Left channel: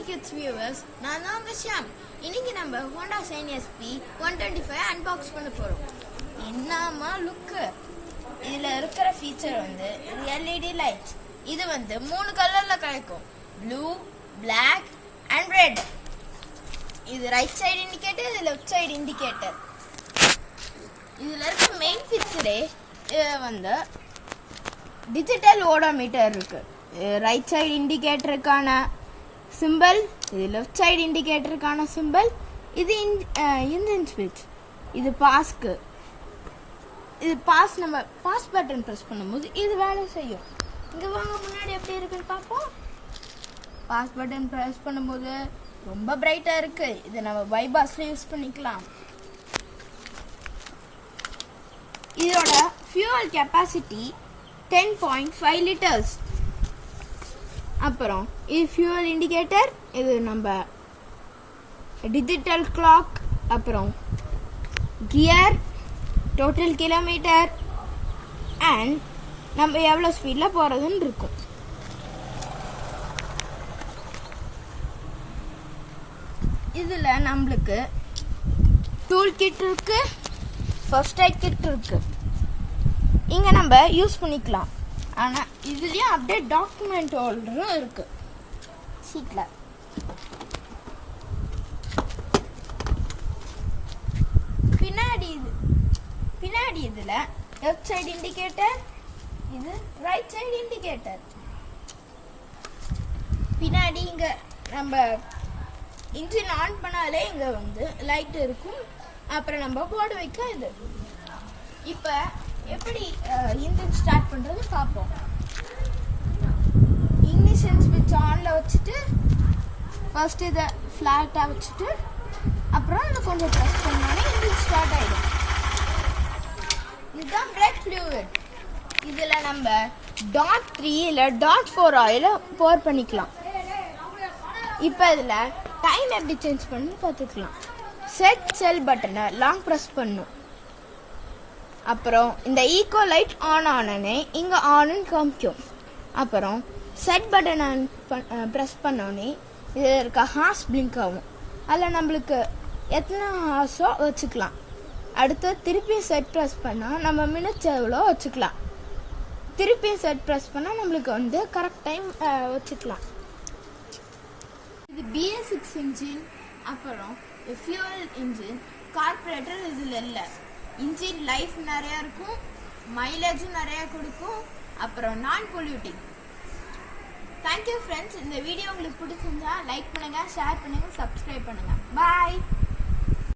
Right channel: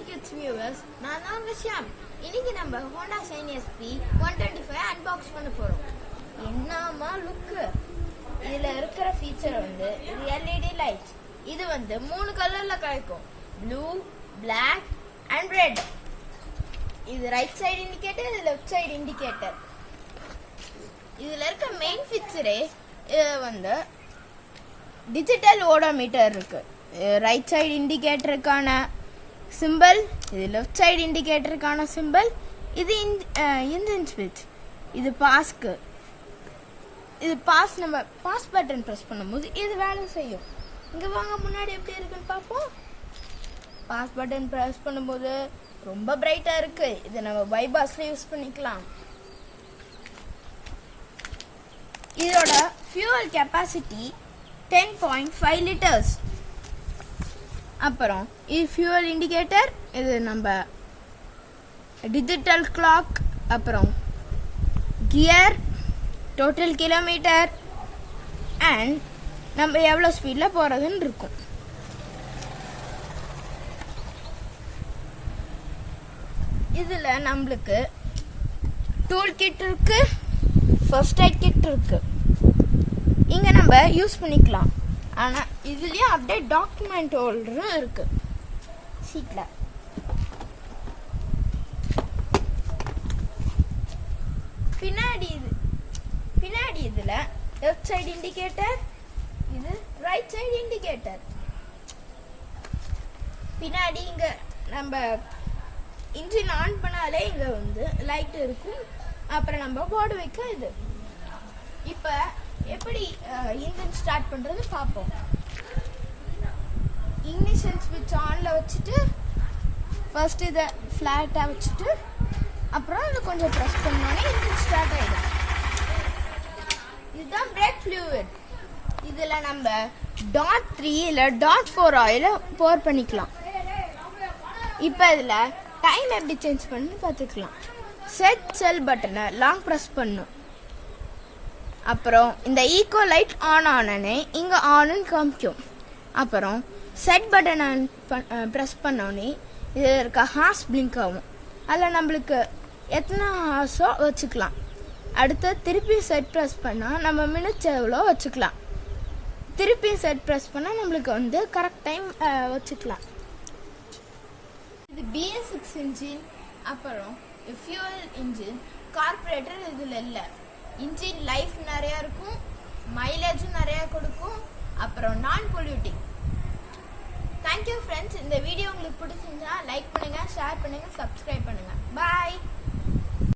Music Kids viewers, நான் தான் விஷயம். இன்னைக்கு நம்ம Honda Shine SP 125 அன்பாக்ஸ் பண்ண போறோம். என்னமா லுக். இதுல இருக்கிற ஃபீச்சர் வந்து LED லைட்ஸ். இது வந்து 3 கலர்ல கிடைக்கும். Blue, Black and Red. இது ரைட் சைடு இண்டிகேட்டர், இது லெஃப்ட் சைடு இண்டிகேட்டர். இதுல இருக்க மெயின் ஃபீச்சரே வந்து டிஜிட்டல் ஓடோமீட்டர் இருக்கு. ரைட் சைடு இண்டிகேட்டருக்கான சிம்பிள், இது லெஃப்ட் சைடு இண்டிகேட்டருக்கான சிம்பிள், இது இன்ஜின் ஸ்விட்ச், இது பாஸ்க்கு. இது பாஸ், நம்ம பாஸ் பட்டன் ப்ரெஸ் பண்ணும்போது இது வேலை செய்யும். இங்க வாங்க முன்னாடி எப்படி இருக்குன்னு பார்ப்போம். பாஸ் பட்டன் ப்ரெஸ் பண்ணும்போது ரொம்ப பிரைட்டா இருக்கு. இதை நம்ம பைபாஸ்ல யூஸ் பண்ணிக்கலாம். இதோட ஃபியூவல் கெப்பாசிட்டி 10.5 லிட்டர்ஸ். அப்புறம் இது ஃபியூவல் இண்டிகேட்டர், இது நம்ம டிஜிட்டல் கிளாக், அப்புறம் கியர், டோட்டல் கிலோமீட்டர் அண்ட் நம்ம எவ்வளோ ஸ்பீடில் போகிறதுன்னு இருக்கும். இதில் நம்மளுக்கு டூல் கிட் இருக்கு, ஃபர்ஸ்ட் எய்ட் கிட் இருக்கு. இங்கே நம்ம யூஸ் பண்ணிக்கலாம். ஆனால் இதுலேயும் அப்படியே டாக்குமெண்ட் ஹோல்டரும் இருக்கு சீட்டில். பின்னாடி இதில் லெஃப்ட் சைடு இண்டிகேட்டர், இது ரைட் சைடு இண்டிகேட்டர். பின்னாடி இங்கே நம்ம இன்ஜின் ஆன் பண்ணாலே இங்கே வந்து லைட் இருக்கும். அப்புறம் நம்ம போர்டு வைக்க இது. இப்போ எப்படி இன்ஜின் ஸ்டார்ட் பண்றது பார்ப்போம். இக்னிஷன் ஸ்விட்ச் ஆன்ல வச்சுட்டு ஃபர்ஸ்ட் இதை ஃபிளாட்டா வச்சுட்டு அப்புறம் இதை கொஞ்சம் ப்ரெஸ் பண்ணோன்னே இன்ஜின் ஸ்டார்ட் ஆயிடும். இதுதான் பிரேக் ஃப்ளூயிட். இதுல நம்ம .3 இல்ல .4 ஆயில போர் பண்ணிக்கலாம். இப்போ இதுல டைம் எப்படி சேஞ்ச் பண்ணி பார்த்துக்கலாம். செட் செல் பட்டனை லாங் ப்ரெஸ் பண்ணும். அப்புறம் இந்த ஈகோ லைட் ஆன் ஆனே இங்கே ஆன்னு காமிக்கும். அப்புறம் செட் பட்டனை ப்ரெஸ் பண்ணோடனே இதில் இருக்க ஹார்ஸ் பிளிங்க் ஆகும். அதில் நம்மளுக்கு எத்தனை ஹார்ஸோ வச்சுக்கலாம். அடுத்து திருப்பி செட் ப்ரெஸ் பண்ணால் நம்ம மினிட்ஸ் எவ்வளோ வச்சுக்கலாம். திருப்பி செட் ப்ரெஸ் பண்ணால் நம்மளுக்கு வந்து கரெக்ட் டைம் வச்சுக்கலாம். இது BS6 இன்ஜின், அப்புறம் ஃபியூவல் இன்ஜின். கார்பரேட்டர் இதில் இல்லை. இன்ஜின் லைஃப் நிறையா இருக்கும், மைலேஜும் நிறையா கொடுக்கும், அப்புறம் நான் பொல்யூட்டிங். Thank you friends. இந்த வீடியோ உங்களுக்கு பிடிச்சிருந்தா லைக் பண்ணுங்கள், ஷேர் பண்ணுங்கள், சப்ஸ்கிரைப் பண்ணுங்கள்.